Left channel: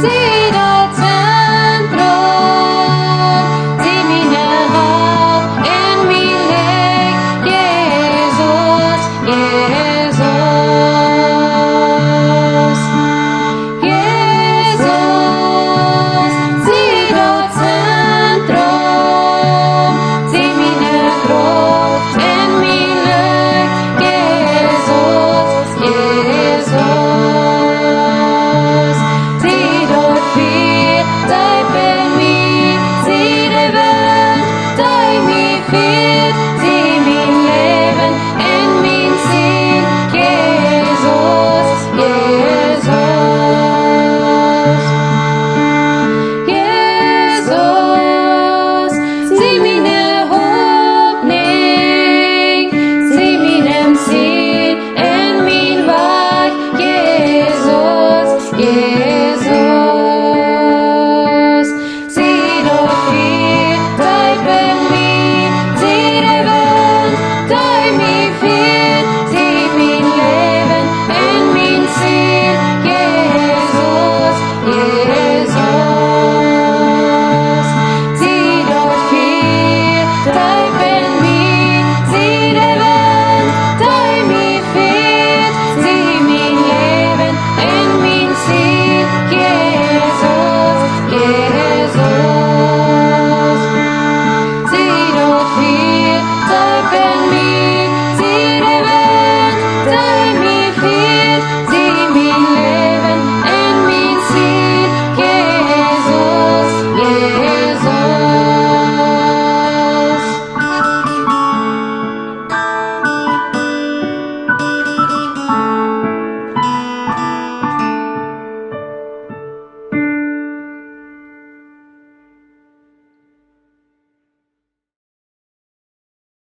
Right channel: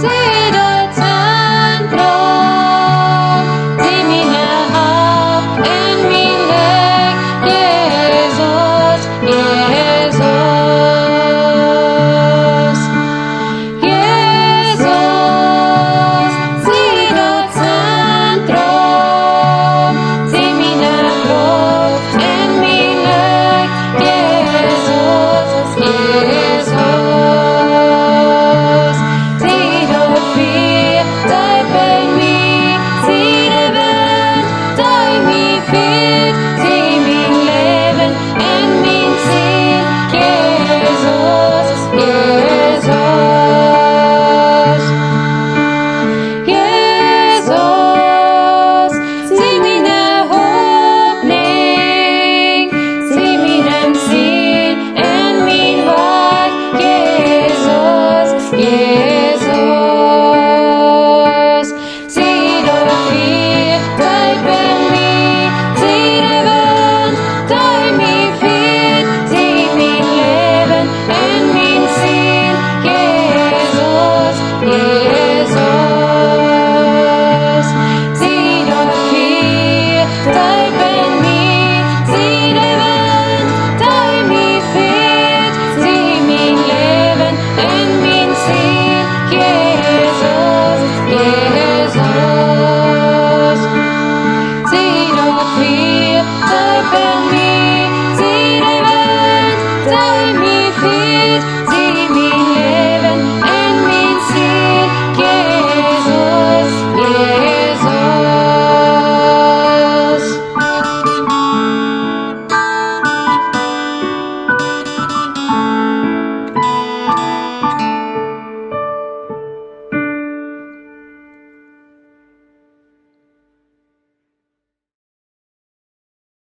zie dat centrum, zie mijn hart en mijn lijk, Jezus, Jezus. Jezus, zie dat centrum, zie mijn kracht en mijn lijk, Jezus, Jezus. Zie dat vuur, dat bij mij, zie de wind, dat mij veert, zie mijn leven en mijn ziel, Jezus, Jezus.